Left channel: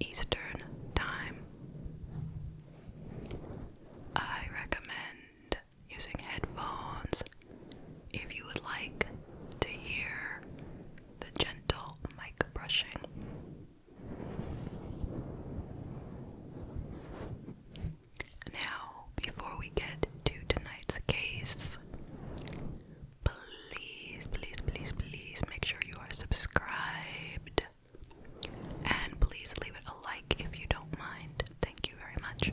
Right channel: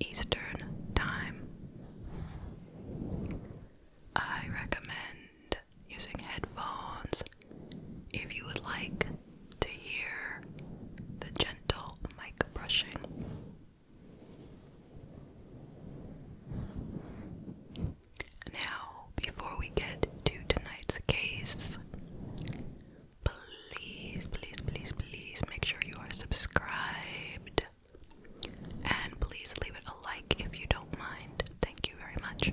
Eastern Time. I recommend using headphones if you would like to hear the gentle mic brushing. Now, before we get to tonight's case, please make sure you are subscribed, and please leave it a like if you don't mind. Thank you very much.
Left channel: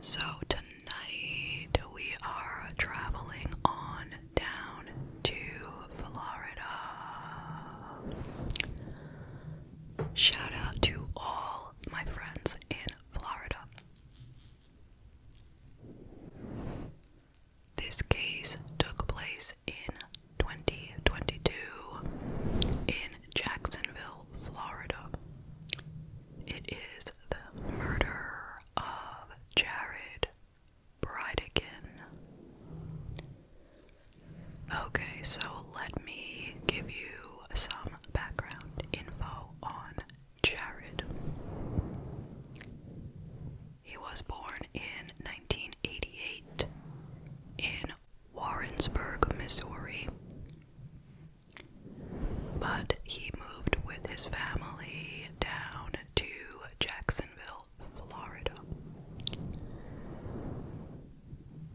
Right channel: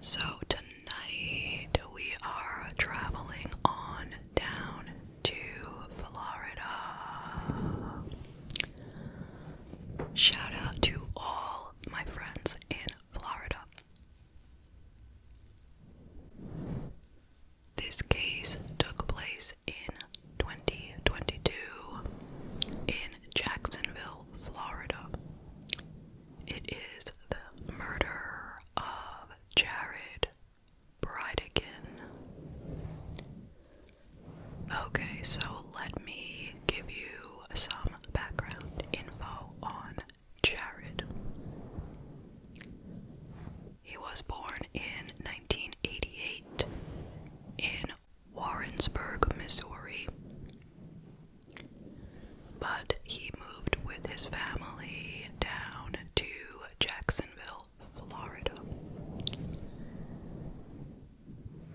So tonight we are traveling on down to Florida. Shout out to all my friends in Florida. This case took place in 2022 in Jacksonville, Florida. It is the murder of Jared Bridegan. Okay, so let me give you some background info on Jared. He was born in 1988 in Warrensburg, Missouri, but he moved with his family down to Jacksonville, Florida.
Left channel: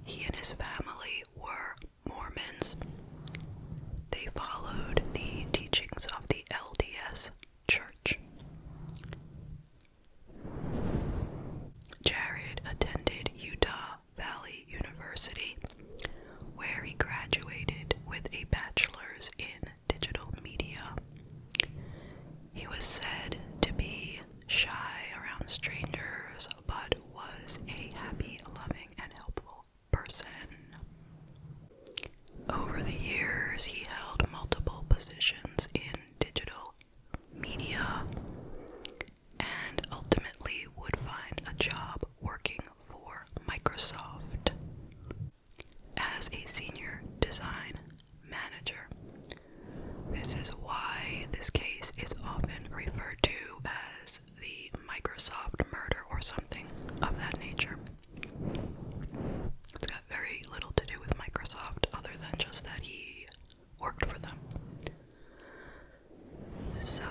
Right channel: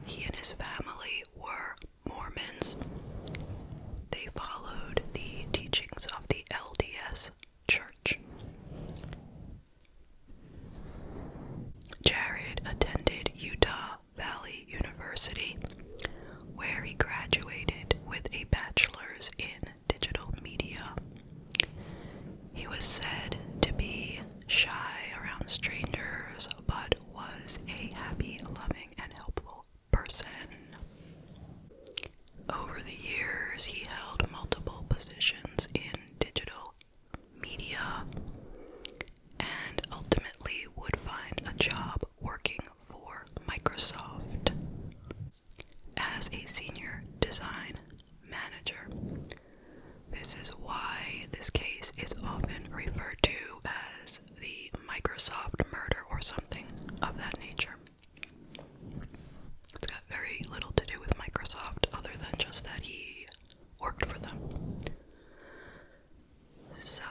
He and his family were Mormons. They followed the teachings of the LDS Church. Jared attended Utah Valley University, where he graduated with a bachelor's in digital media. He was said to be shy around strangers, but was a happy, loving, and helpful person. Over the years, he held multiple positions in digital media and ultimately would find a job working for Microsoft as a senior design manager. This is why this case is often referred to as the Microsoft murder or something of that nature. It's got very little to do with Microsoft other than just that he worked for them. So,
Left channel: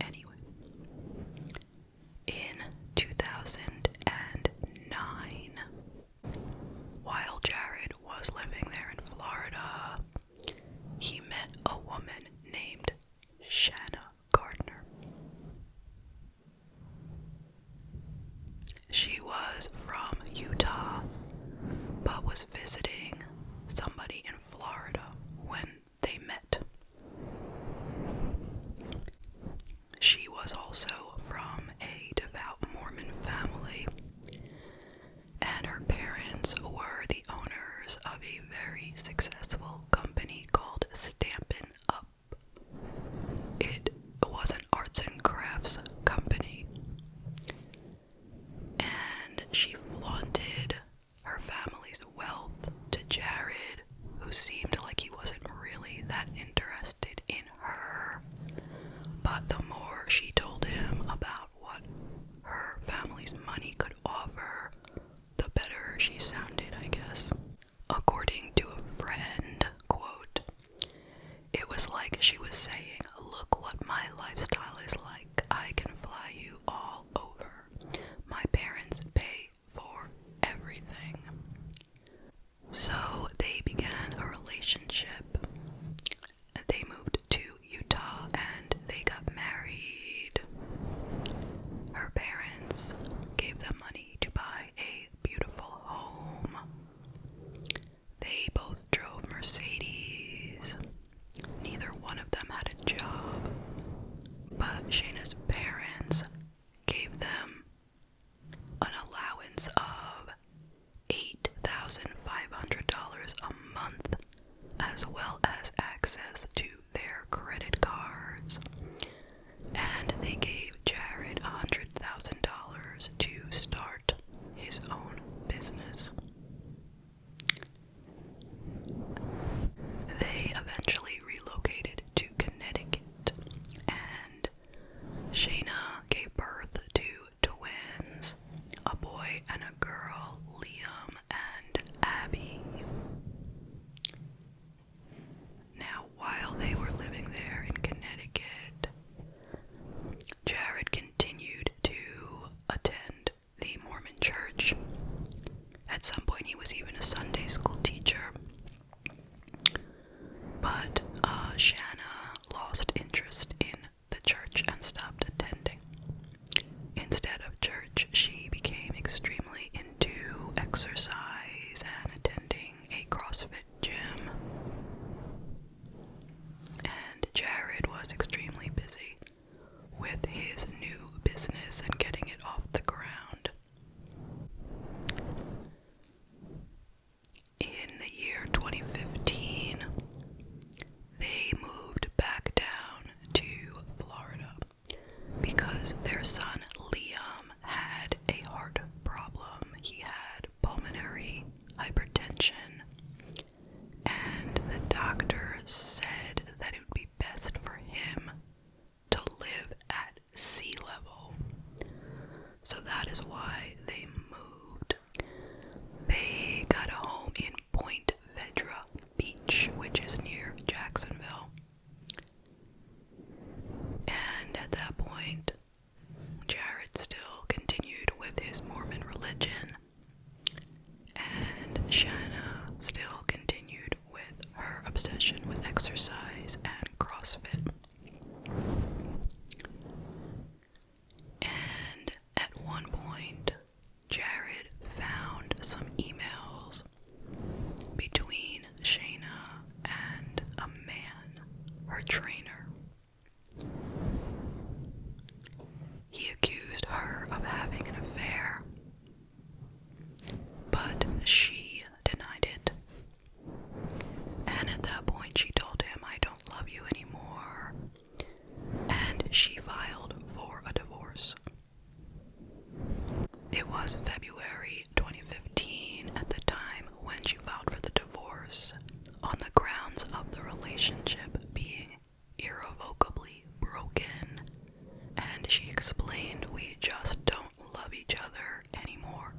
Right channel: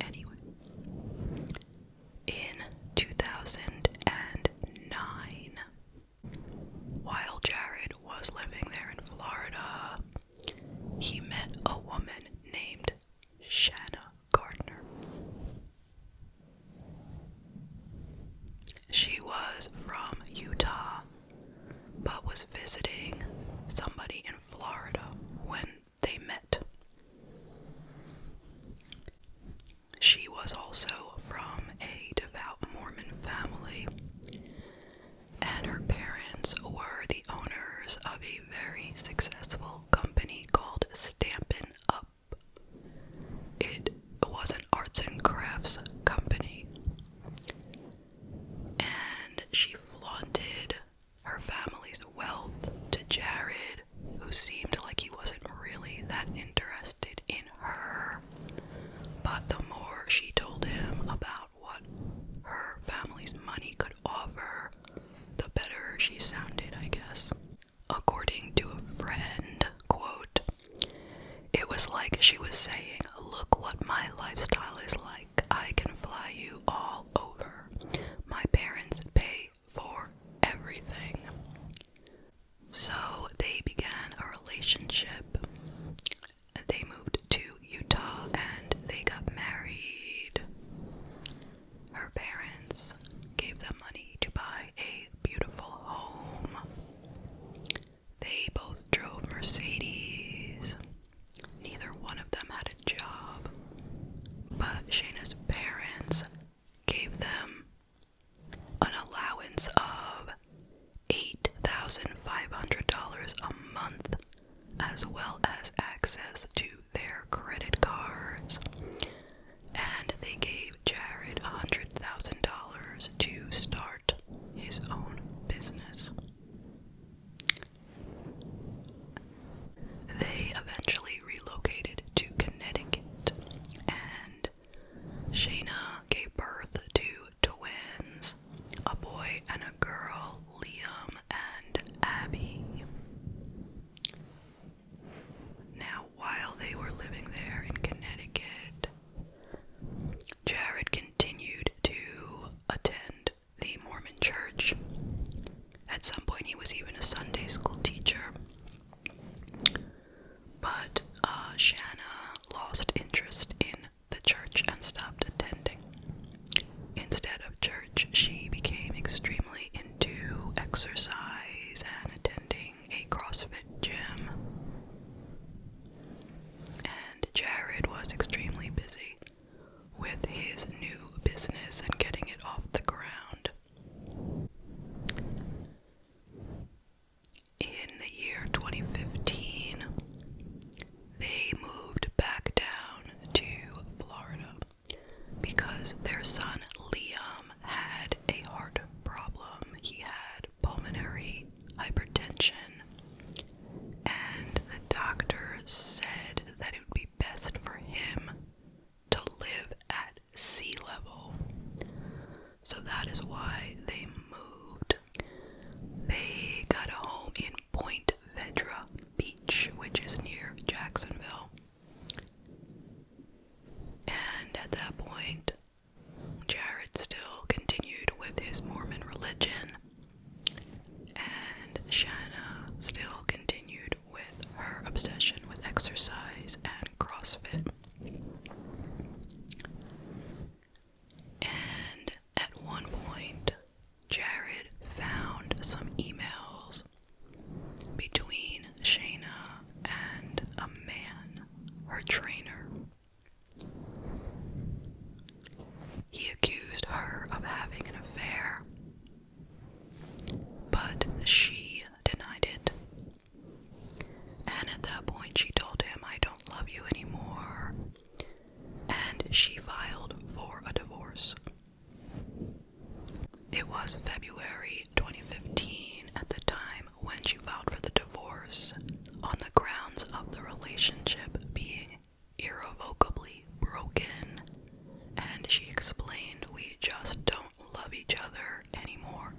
anyway, in 2009, while Jared was living there in Florida, he met a woman named Shanna Gardner. She was from Utah, but was visiting somebody in Florida when they met. She was also from a devout Mormon family, and her parents were the owners of a very successful company called Stampin' Up. It was an arts and crafts company, and she flaunted her family's wealth to Jared, who seemed like he wasn't really that interested in her. But the more she told him about what her family's money could offer, the better she sounded, I guess. According to a friend, quote, "It was like she was saying, look what my lifestyle is like. I can fly you all over. My parents pay for everything." So they began a relationship. They moved to Utah and they got married. Her parents gave them money to buy a beautiful home. They both drove Mercedes. Neither one of them had a job. she filed for a divorce. It was February 2015 at the time when she filed for the divorce, on the grounds of the relationship being irrevocably broken, and she explained, "We just don't love each other anymore."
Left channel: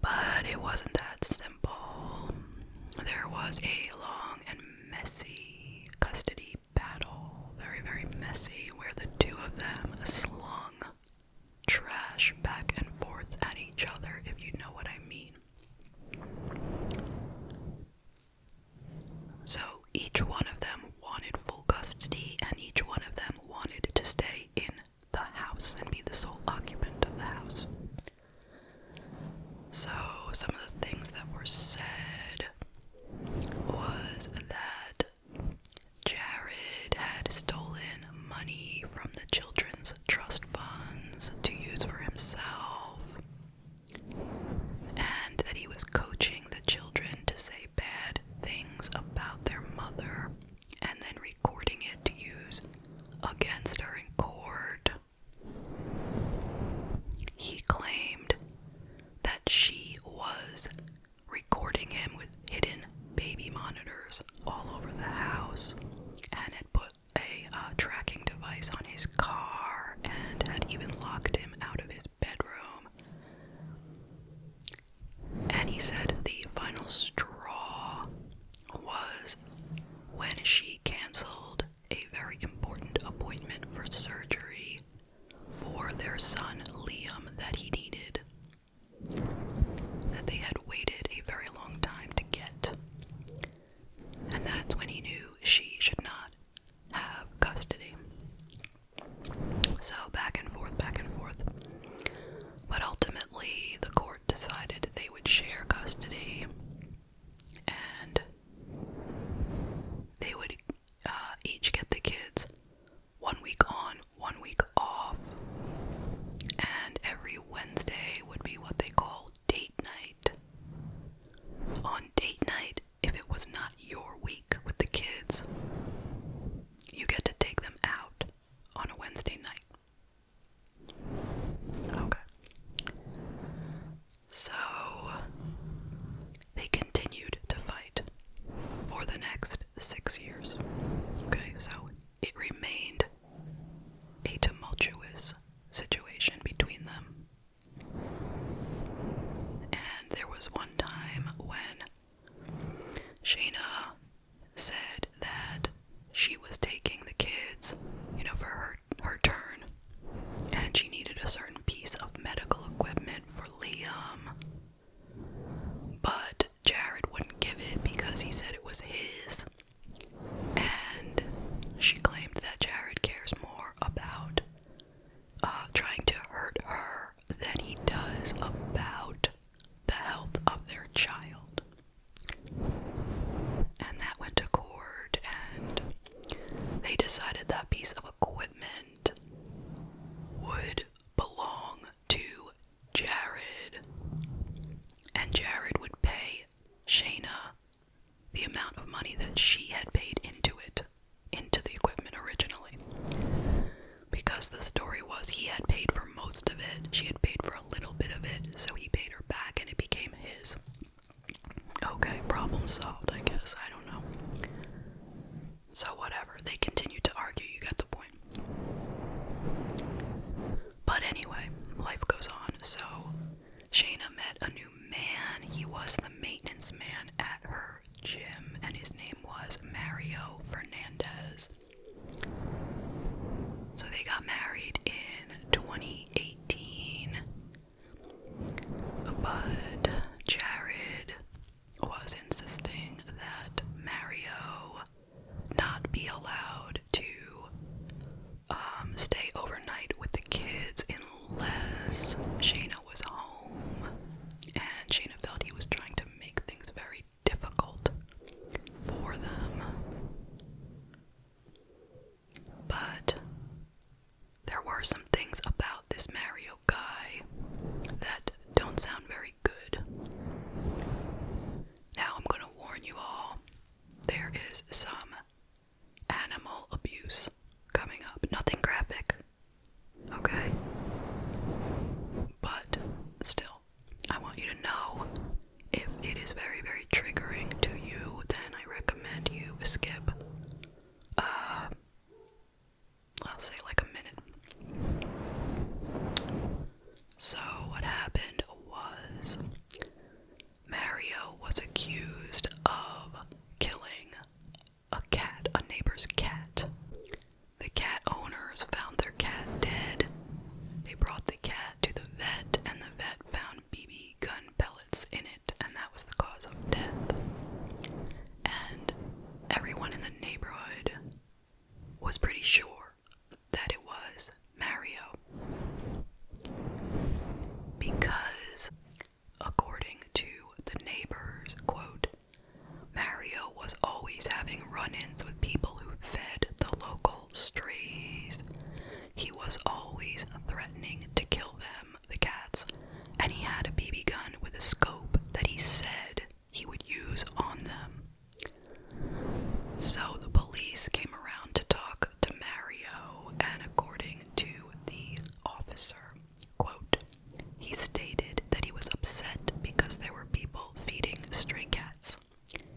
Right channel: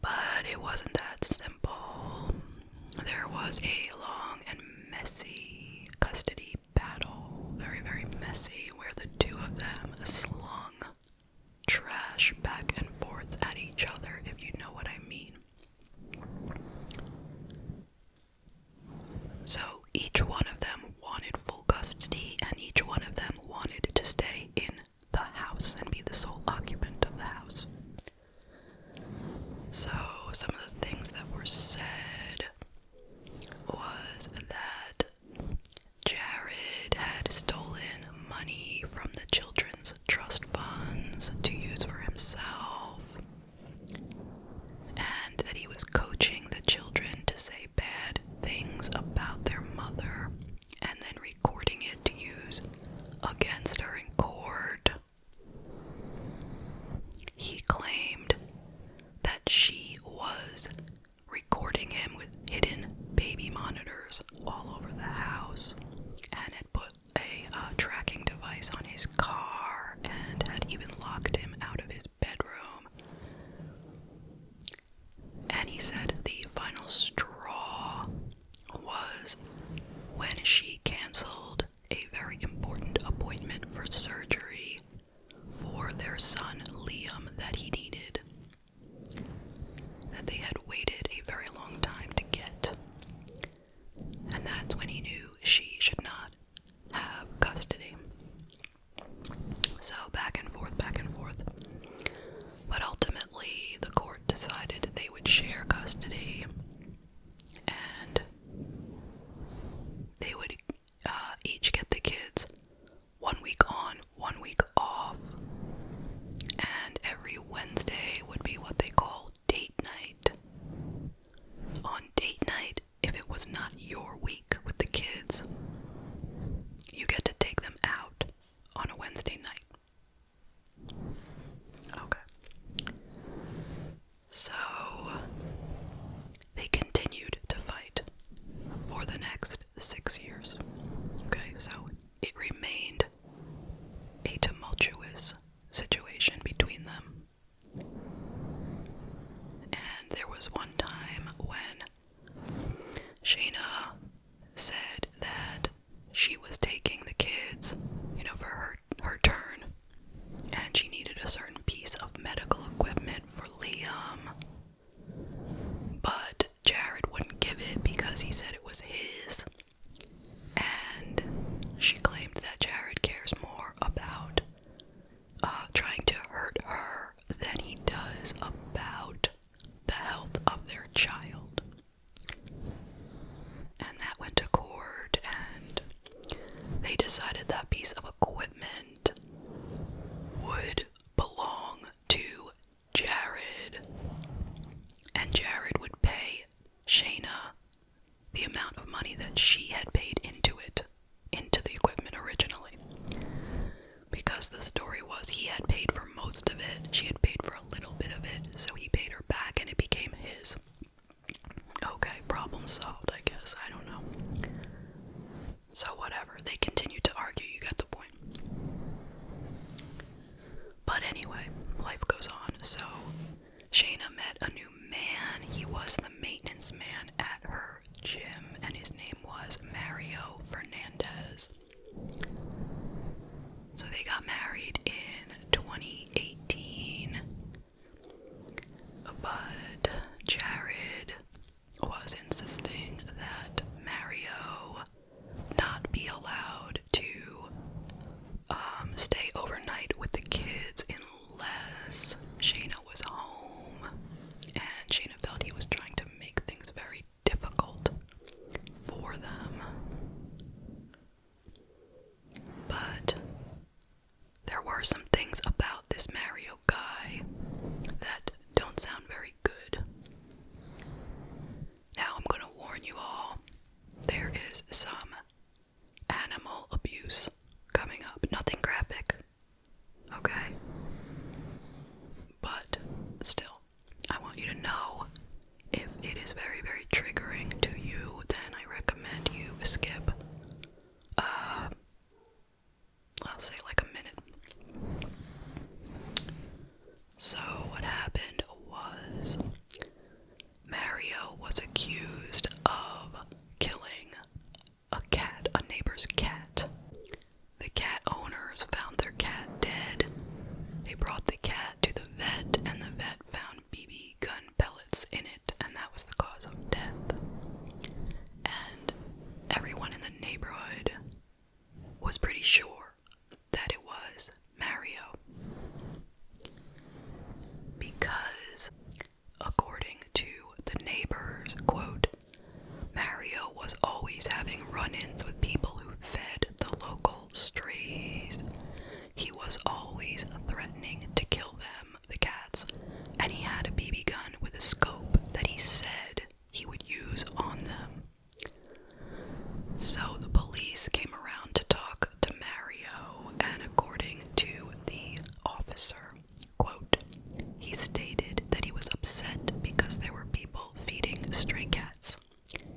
But it wasn't that simple. There was a long and messy custody battle, very, very messy, where the two of them slung trash back and forth at each other, if you know what I mean. So each one of them wanted full custody, and each one of them wanted to stay in the house and be the sole occupant of the house. So some of the things that were said was that Jared had stolen money from the children's trust funds to use for himself, and that he was coaching the children to say bad things about their mother and then recording it to use against her in court. He claimed that she was recording him with hidden baby monitors all over the house, and had put a tracking device on his car, and had even locked him out of his bedroom. And he said the final straw was when she canceled a very important appointment for surgery for their son Liam that he needed, that they had waited a very long time to get. And that's when he knew she should not have custody. So back and forth, back and forth. But ultimately, the court decided they would share custody, and they would each get the kids 1 week on, 1 week off, and every Wednesday would be what they call date night. On date night, if it was not your week with the kids, you get to take them out on a Wednesday night. Okay. So, they continued to fight for the next 6 years. Okay, so it remained a tumultuous situation between them. And there was one time when Shayna said that she was taking the kids, for her turn, and she needed a certain piece of medical equipment for Liam, but Jared wouldn't give it because he said it was his, and she claimed that Jared cares more about trying to hurt her than he does about the health of their child. And that went to court, and they decided that piece of equipment would belong to Jared, and Jared would pay Shayna the amount of money that she had paid into the equipment originally. Because the story was he had paid for most of it, she had paid for a little bit of it, so he paid her back and it became his. Okay, problem solved, I guess. I don't know. So whatever, they continued to argue, you get the point. But anyway, life goes on. So Shayna met a new man. He was the maintenance man at her gym, and his name was Mario Fernandez. So they got married in 2018, but Jared was insisting that Mario not be allowed to stay overnight with the kids unless Shayna was home, and Shayna felt he was trying to make things very was pretty sure that it was Mario. Because, according to the neighbors, quote, Mario was always having run-ins with people who fed the local strays. He was always threatening to kill them, the cats, and he had a BB gun with a scope that he said he would use on them. So the police came around to talk to Mario, and according to the officer, quote, he stated that he was upset because there were people feeding stray cats.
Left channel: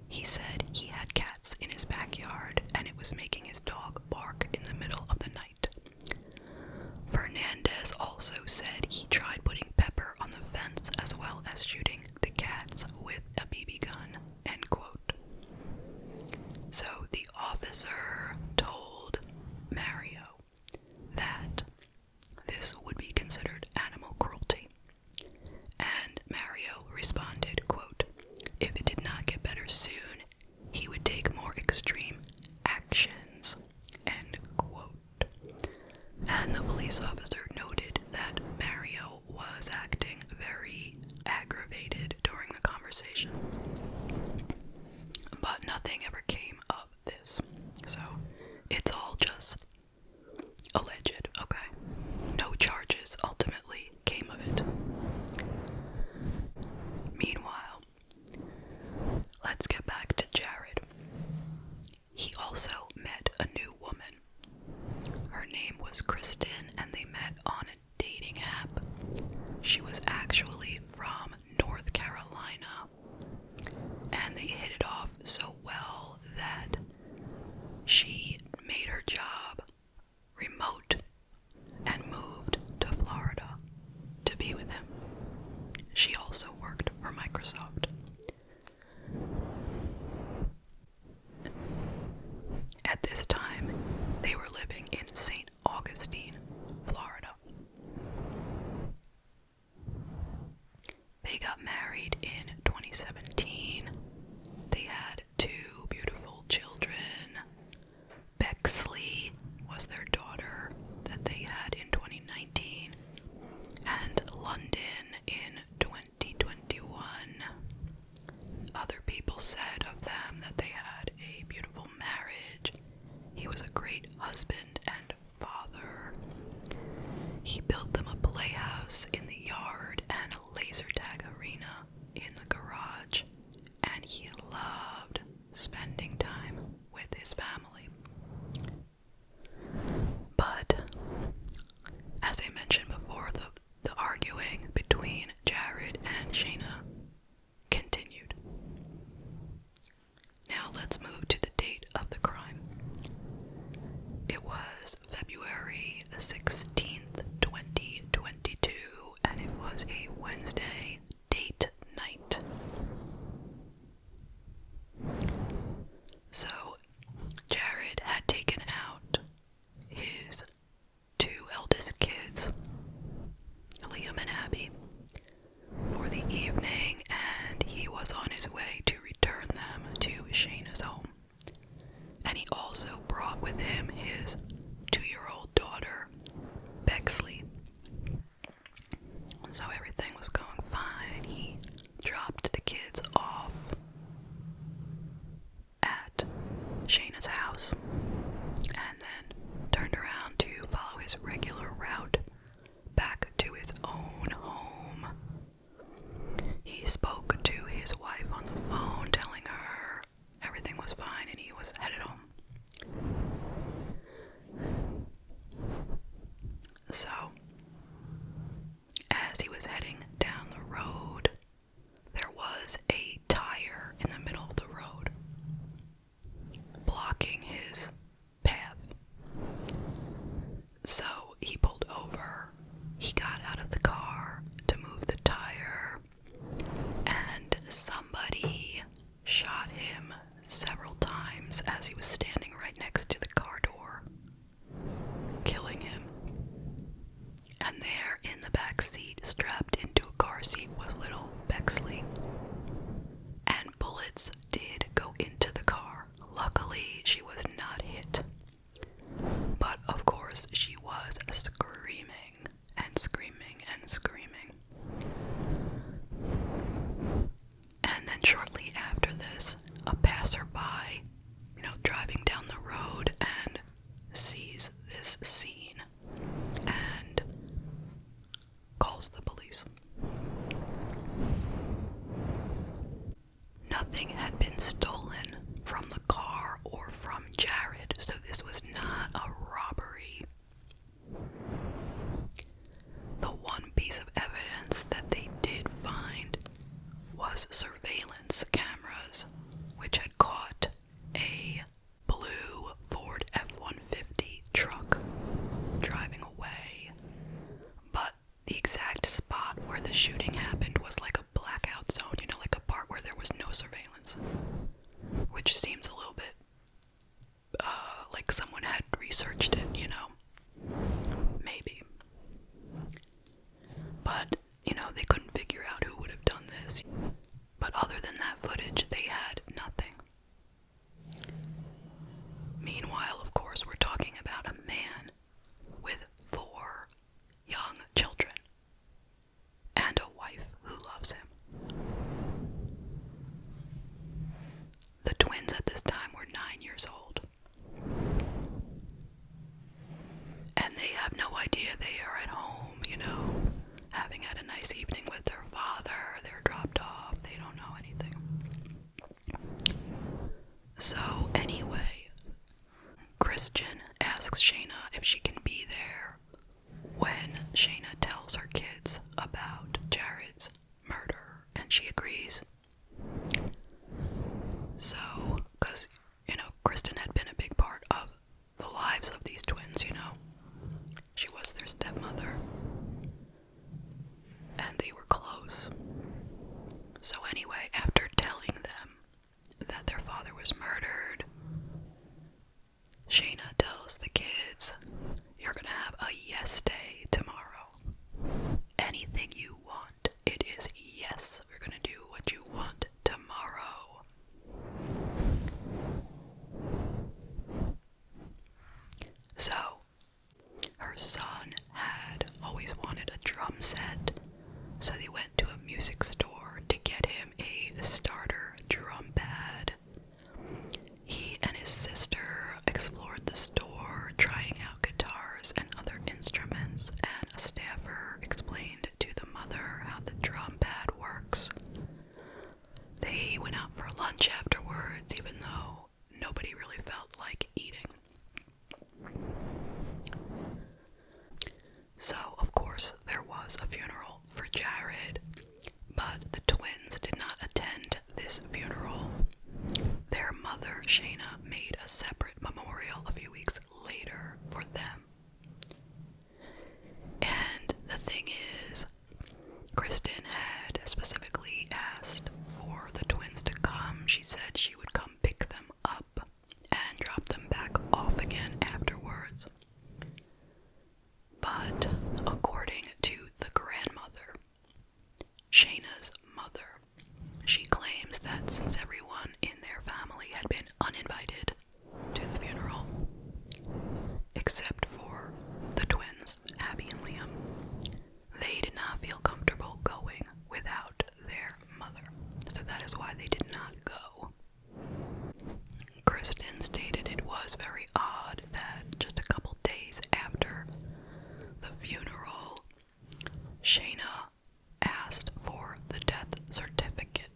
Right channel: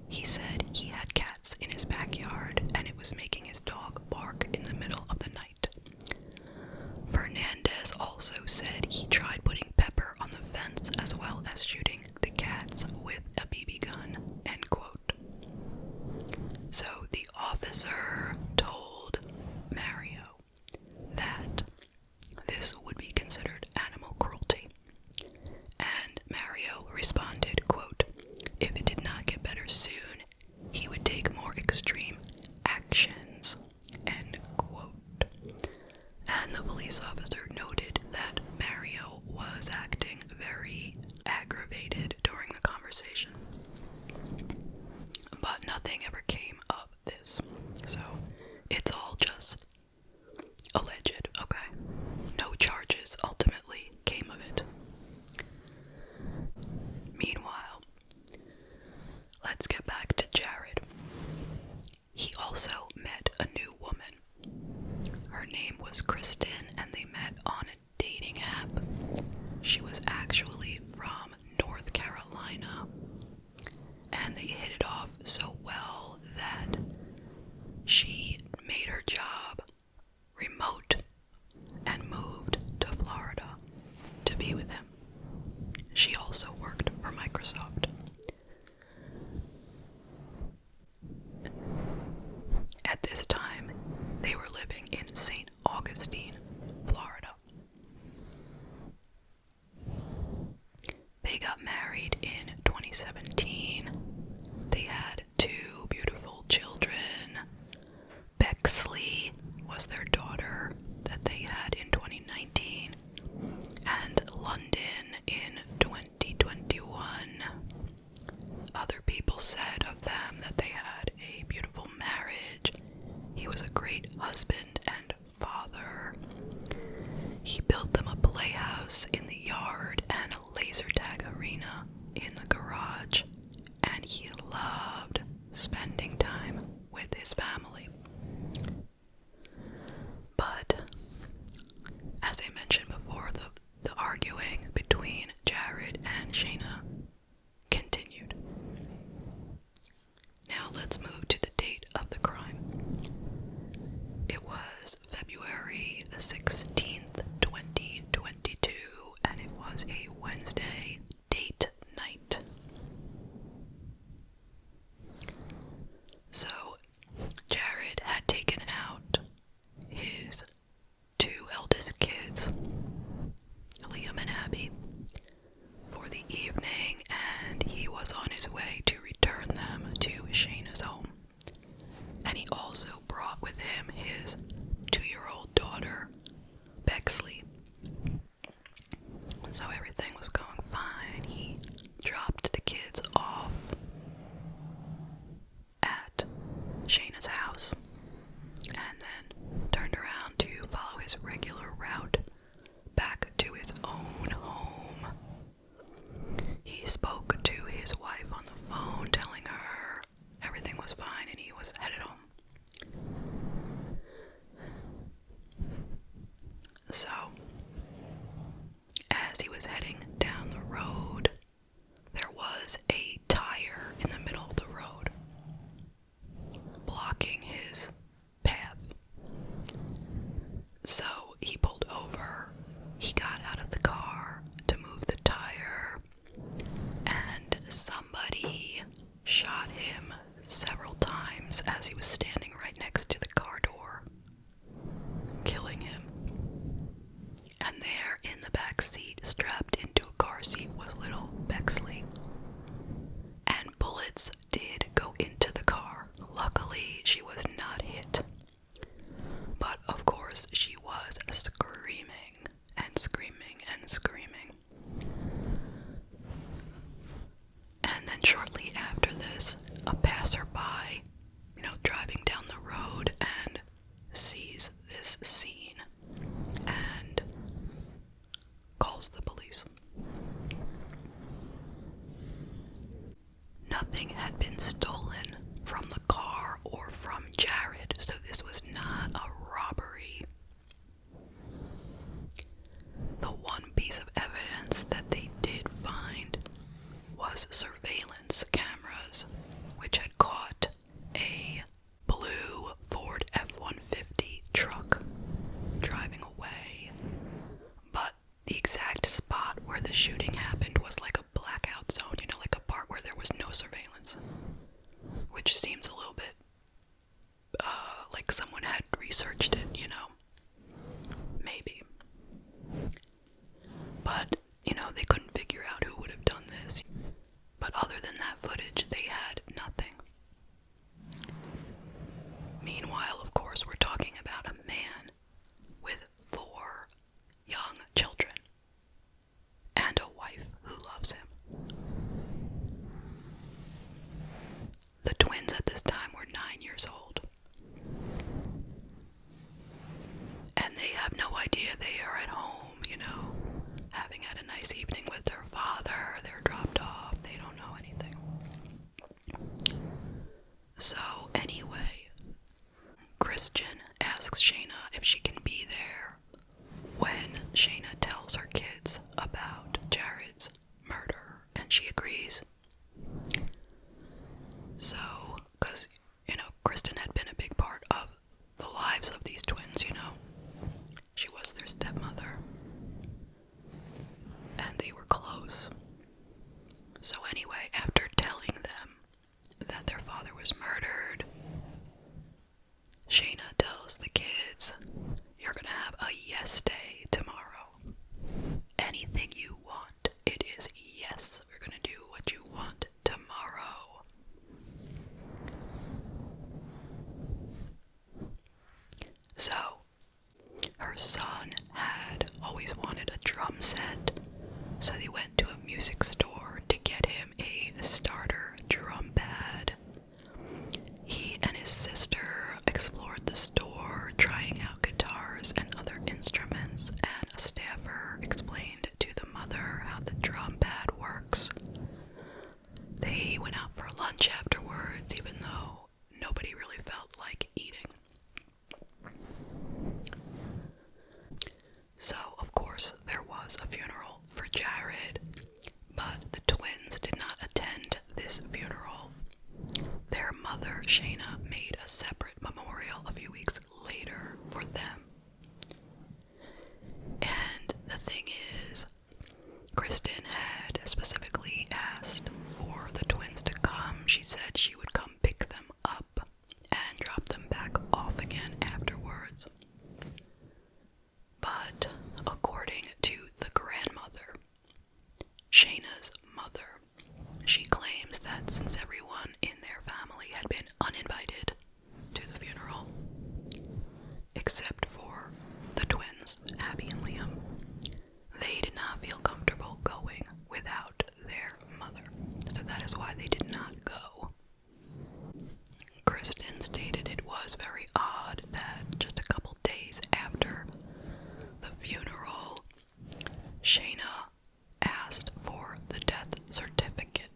He said he had cats in his backyard and it was making his dog bark in the middle of the night. Fernandez also said he tried putting pepper on the fence as well as shooting the cats with a BB gun, end quote. So the officer told Mario that this would be considered animal cruelty. And Mario responded, quote, if it did not get better soon, he would take more extreme actions, end quote. And the police officer noted that Mario was acting very aggravated during the conversation. But nothing ever came of this. So it's all just alleged, okay? No charges ultimately came of it. Meanwhile, let's get back to Jared. He also met a new woman. Her name was Kristen, and they met on a dating app. She was actually from North Carolina, and they hit it off so well that she made her job remote and moved to Florida to be with him. She also worked for Microsoft. At this time, they were living in St. Augustine, Florida. They got married in 2017. They had 2 beautiful children. Bexley was their daughter that they had in 2019, and London in 2021. Other people said of them that they had a beautiful marriage. He was a great husband and father. He built them a playhouse in the yard and a laser tag arena in the garage, and he loved spending time with his family. But, as I mentioned before, the arguing between Jared and Shayna continued. Now let's move to the date of the crime. It was February 16th, 2022, and it was a Wednesday date night. So, Jared had taken out his 2 eldest kids, Liam and Abby, for the evening, and he was on his way to return them to Shayna's home. And he also brought with him his 2-year-old daughter, course, she was screaming and screaming and screaming. And then shortly after this, a passerby, driving down the road and sees this scene and calls the police. Nothing had been stolen from the car or from Jared, so this was not a robbery. The one piece of evidence that they did find was surveillance cameras, which had caught a blue Ford F-150 truck driving away. But the exact spot where the shooting happened was like a blackout zone, like a part where there was no surveillance, which seems a little bit like someone had researched it, maybe. But, they couldn't figure out who would have done this. But other than that footage, they had nothing. Meanwhile, of course, we're talking about a man with 4 young children and a wife who loves him. The twins at this time were 9 years old. And they have no idea they are at home, having had a nice evening with their father. They're dropped off. They don't know anything. So anyway, Christian asks Shayna if she can be there when Shayna tells her kids about Jared's murder, and she agrees. So, because, Kristen had been a big part of the lives of these twins, She was their stepmother. And they were close. So anyway, after telling them that their father was murdered, Shayna tells the kids, "You're gonna have a yes day tomorrow. Anything you want, it is yes. We're gonna do what you want tomorrow." So, her son had always wanted a drum set, so they went to a music store to get him a starter drum pad. He and his sister explored the store, trying out guitars and other instruments, and a staffer explained to the mother how the drum pad works. They went out for lunch afterwards, even though nobody really felt like eating. So, of course, there was a funeral for Jared, but the twins did not attend this funeral. Their mother, Shayna, made a separate memorial a few weeks later for them. And the thing is, Kristen had specifically asked for the twins to come. She said she would come pick them up and drop them back off again afterwards. But according to the grandmother, Shayna's mother, she claims that since everyone in their family had been uninvited to the funeral, except for the twins, Abby and Liam, they did not feel comfortable going without their mother. So that is why they did not go. Kristen stated it was very odd that just a couple days after the funeral, Shayna asked for the death certificate.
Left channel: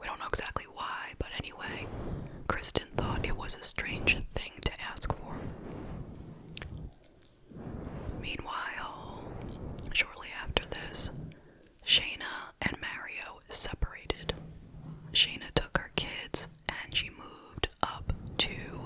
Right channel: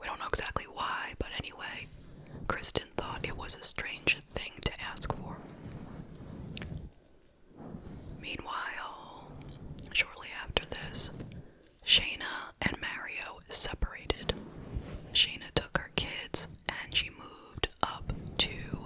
We don't know exactly why, but anyway, Kristen thought it was a strange thing to ask for. Meanwhile, shortly after this, Shayna and Mario separated. Shayna took her kids and she moved up to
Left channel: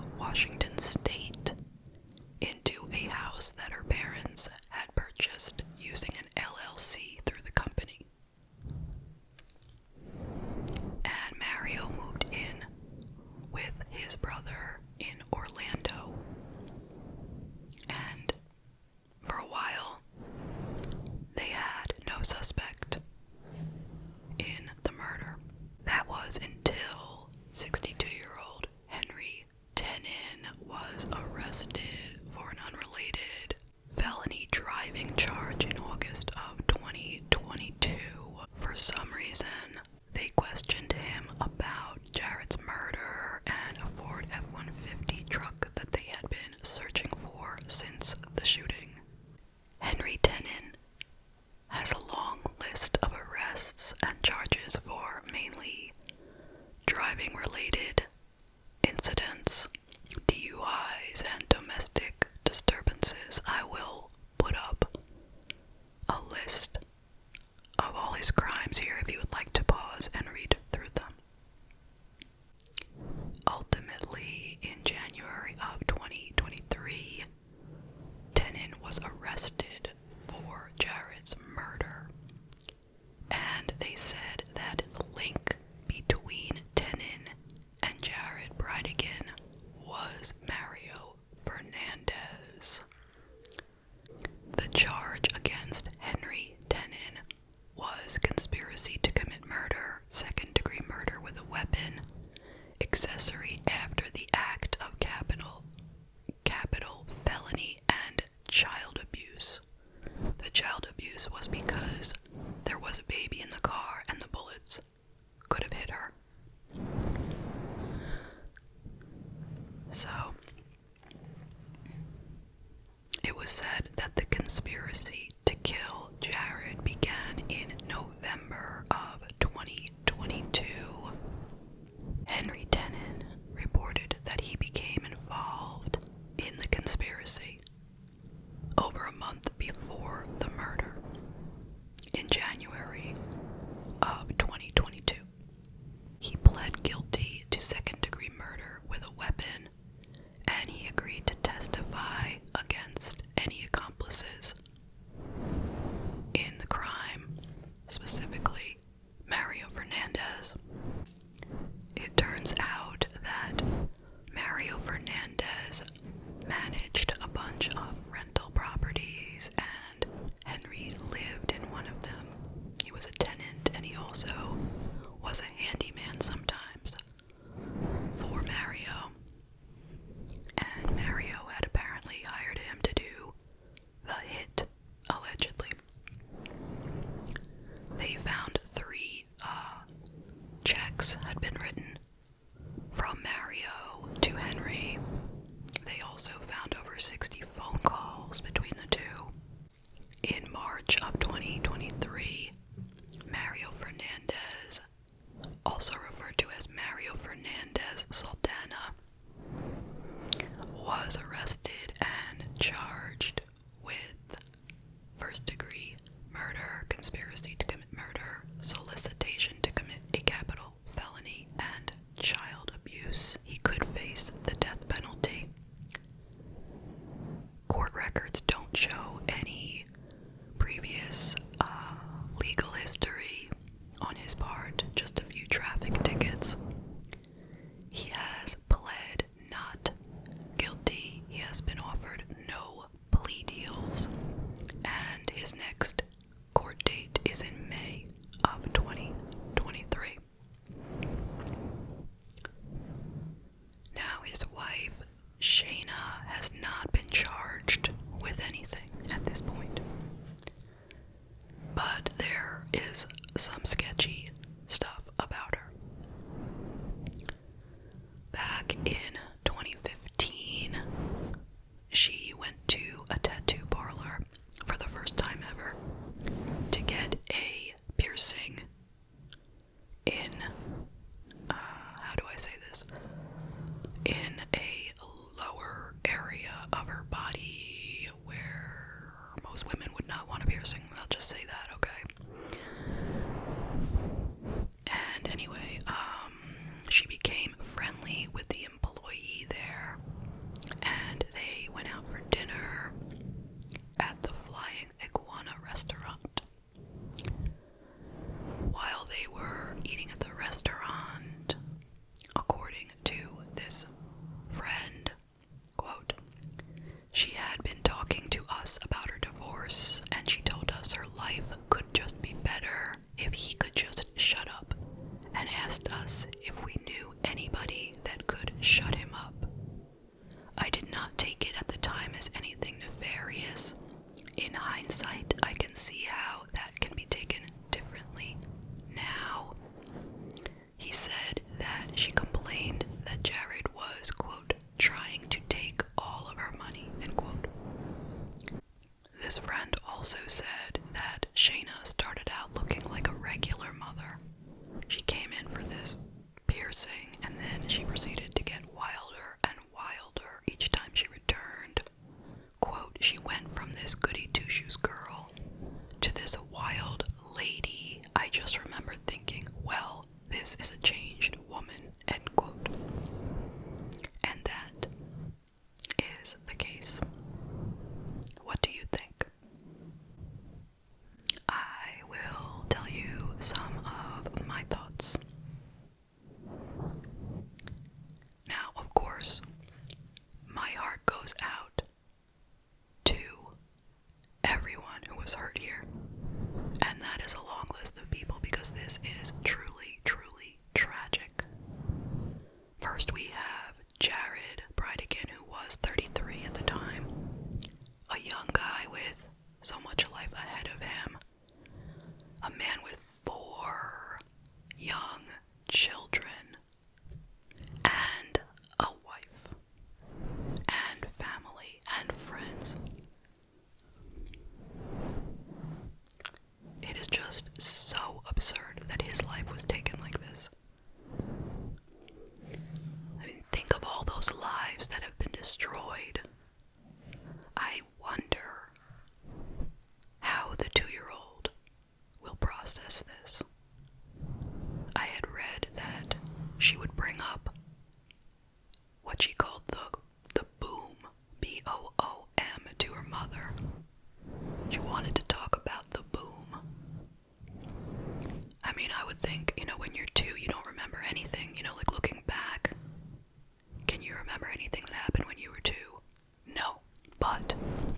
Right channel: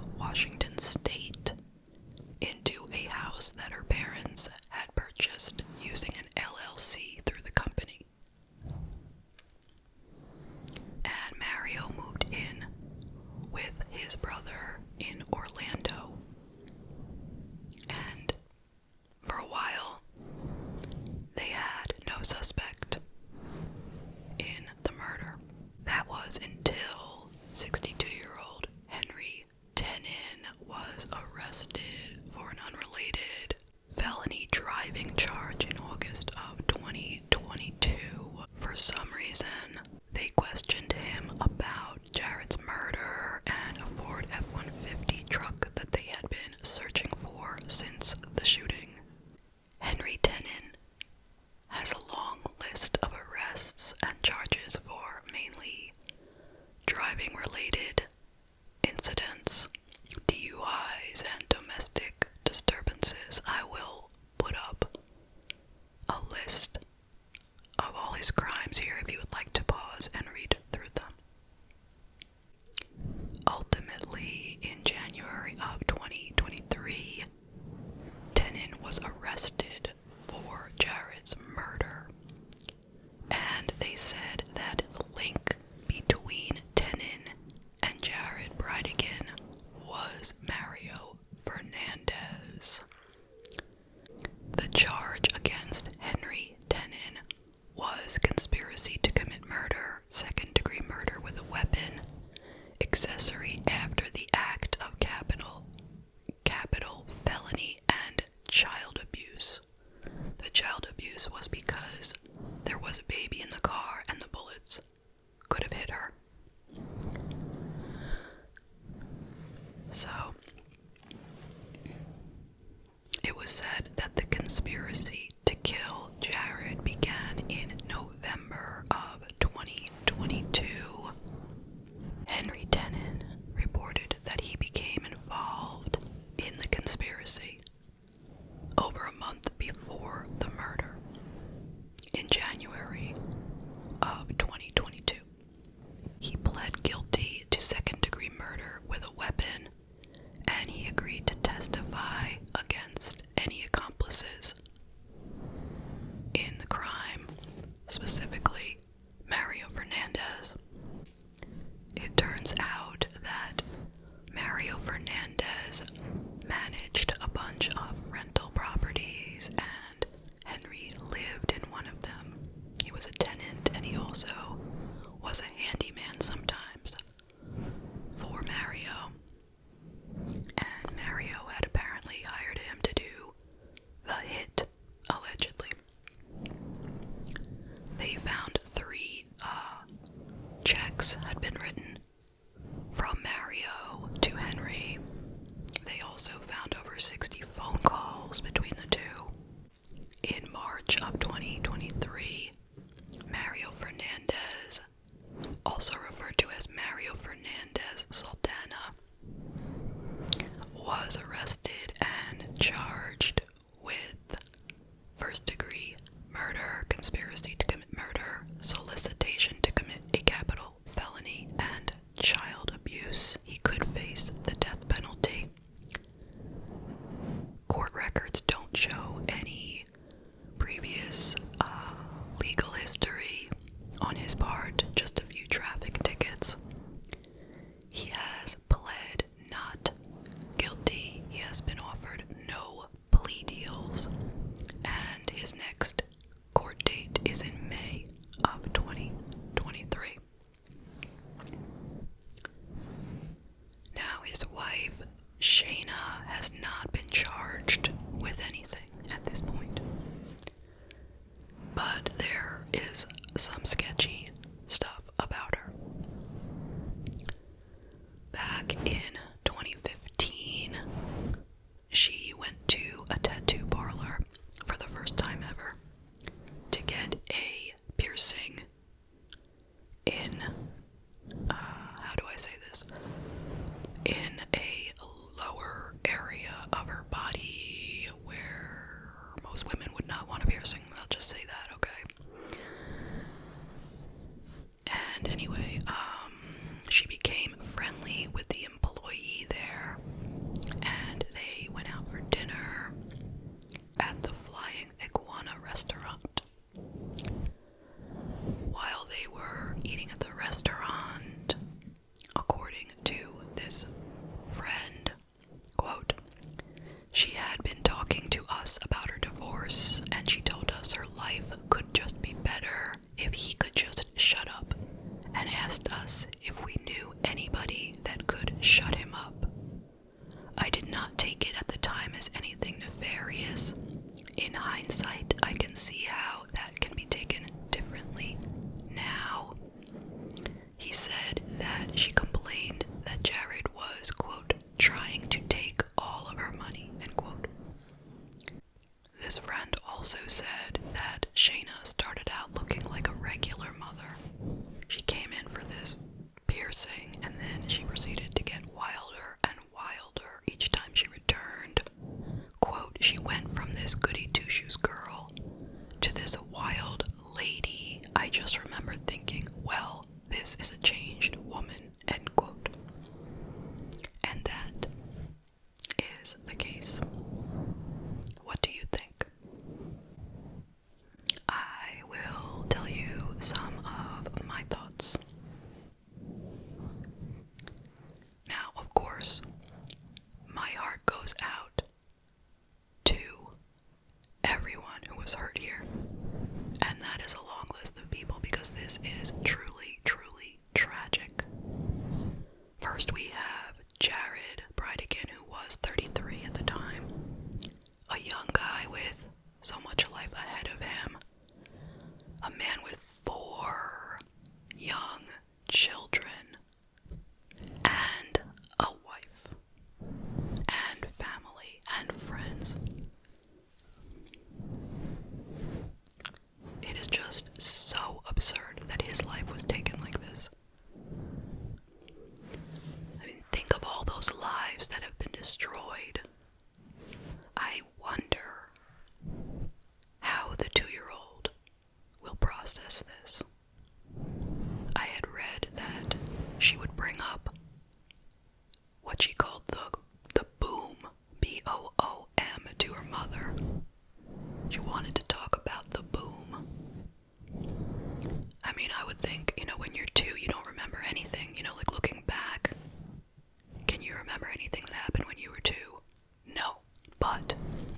It was said that the conspiracy to kill Jared began in November of 2022. Henry Tenen reported that he became involved in the conspiracy over a month before the murder, in January of 2022. He pled guilty to second-degree murder with a weapon, and he agreed to testify against any accomplices in the crime, specifically Mario Fernandez. It turns out that Mario Fernandez managed a bunch of rental properties, and Henry lived in one of them. He was a tenant, and he also was a handyman sometimes for Mario. And Mario had apparently hired him to do the hit, allegedly. They found 3 checks had been written from Mario to Henry. They also found over 60 phone calls between the two. In March of 2023, Mario Fernandez, also referred to as Mario Fernandez Saldana, was arrested and charged with first-degree murder, conspiracy to commit murder, solicitation to commit a capital felony, and child abuse. He could face the death penalty. Court records don't show any previous legal history on his part, just a few traffic tickets. He has pled not guilty. He has been offered no plea deals, and his next court date is in May of 2023. Now, his wife, Shayna, has not been charged with anything at this point. But there is some sketchy stuff about her. Back in 2015, she went to a tattoo parlor for the first time ever to get a piercing in, how do I say this? In a lower area of her body where most women would not want a piercing. I'll just say that, okay? And anyway, she became friendly with the employee there, and they went out for dinner at the Flying Iguana restaurant. While they were eating at the restaurant, according to this friend, quote, she had been talking to us about her divorce, and she told us her life could just be better if he could just shut up, and asked us if we knew anybody that could shut him up. I did not take it at the time as anything nefarious. In hindsight, I can see how that can be taken differently now. He said that she complained that Jared was, quote, trying to take all of her money, end quote. This friend also said that Shayna started out looking like a regular mother. She came in for this piercing, and then she proceeded to get wilder and wilder each time she returned. Quote, she went from this goody two-shoes girl to this wild lady. I just remember thinking, well, this is a changed woman, end quote. And that is the case. What do you think? I will tell you some of my thoughts. Now, of course, my heart goes out to everyone who was hurt here. And that is a long list of people, because this is truly, truly tragic. First, we have Jared Bridegan, who was 33 at the time. A young guy with so much life ahead of him. A man with 4 young children. And a wife. And family. process this. I had read that she would bring up what she called the boom, B-O-O-M, to her mother. She wanted to talk about the boom. I mean, I would think, when you're 2, you don't remember anything, like looking back. Can you remember anything that happened when you were 2? No. But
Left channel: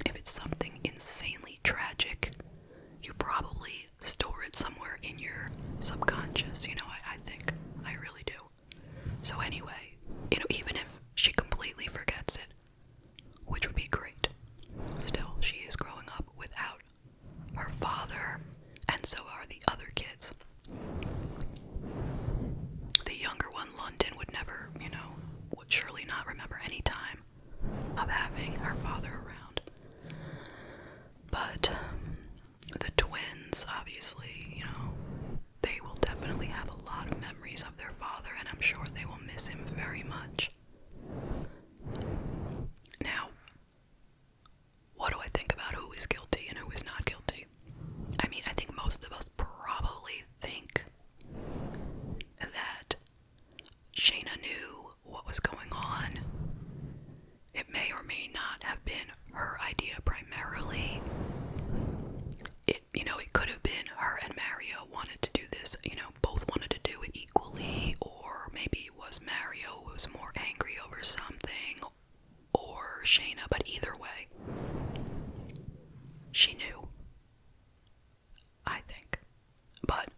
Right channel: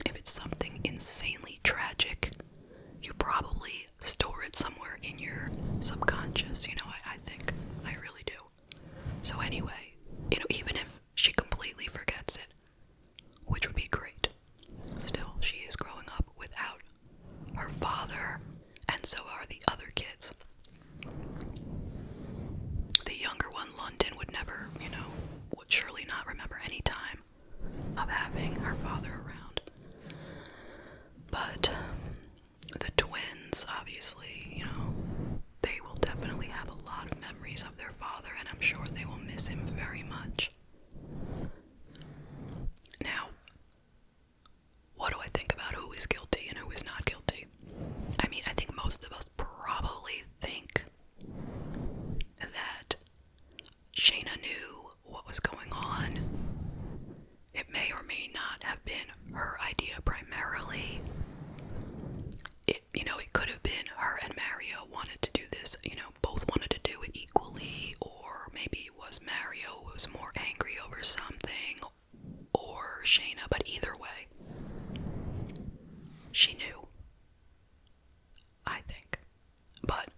if it's something insanely tragic, you probably store it somewhere in your subconscious, I think. I really do. So anyway, even if she completely forgets it, which would be great, still, she is growing up without her father, and so are the other kids. The younger one, London, would never, would surely not remember any time of having her father around. But the twins, obviously, they will definitely have a lot of memories of their father, and I'm sure they will miss him very much. Now, what do I think about who is guilty and who is not guilty? I mean, I think most of us probably think that Shayna knew what was going on. It may or may not have been her idea primarily. It could have been her and Mario wanted to do this, both wanted to do it equally, or maybe it was Mario who was more angry over something, or Shayna, but either way, she knew, I think. But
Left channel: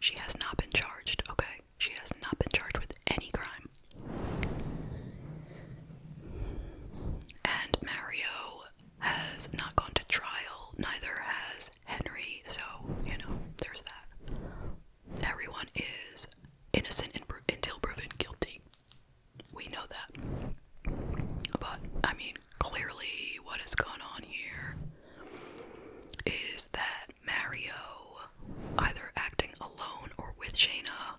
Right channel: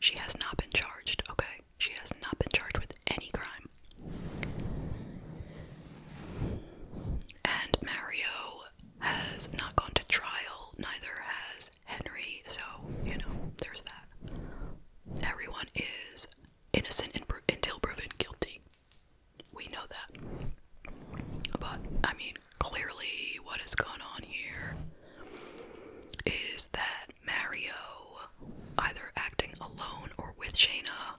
she has not been charged, okay? She has not been charged with any crime. And Mario has not gone to trial, neither has Henry, so, there's that. Everyone is innocent until proven guilty. We know that. But, I mean, clearly what has gone on here is that Mario, either acting alone or with Shayna,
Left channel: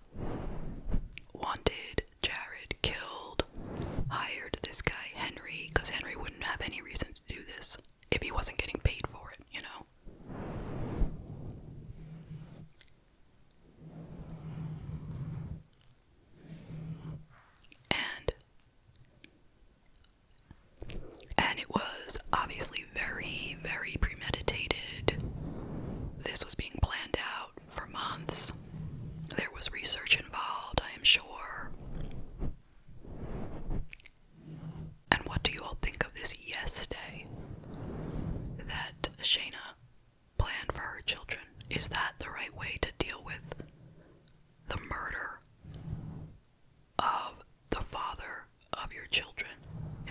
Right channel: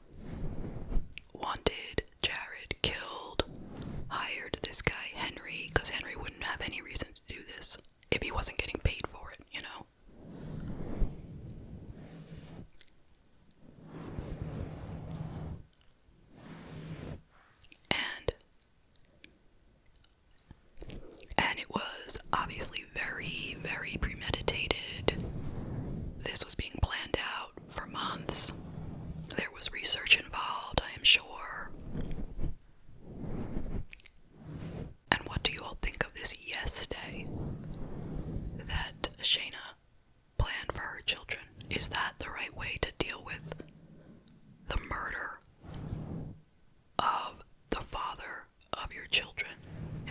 wanted Jared killed, hired this guy Henry, because Henry wouldn't have any reason to do this if he wasn't getting paid for it, And it was obviously very, very premeditated. This was being planned out for months. There was research involved, I am sure. And what do you all think of this yes day that Shayna planned for her children? Is that the right way to deal with the murder of the father of your children?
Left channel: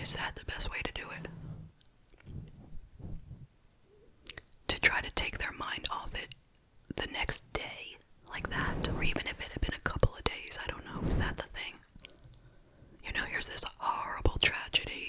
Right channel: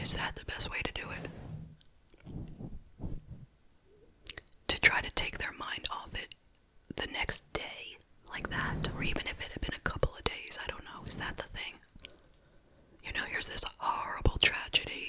Is that the best way to do it? To try to take their mind off it the next day, like that, or even if it had been a couple of days, I don't know, is that the thing? Here's this horrible tragedy,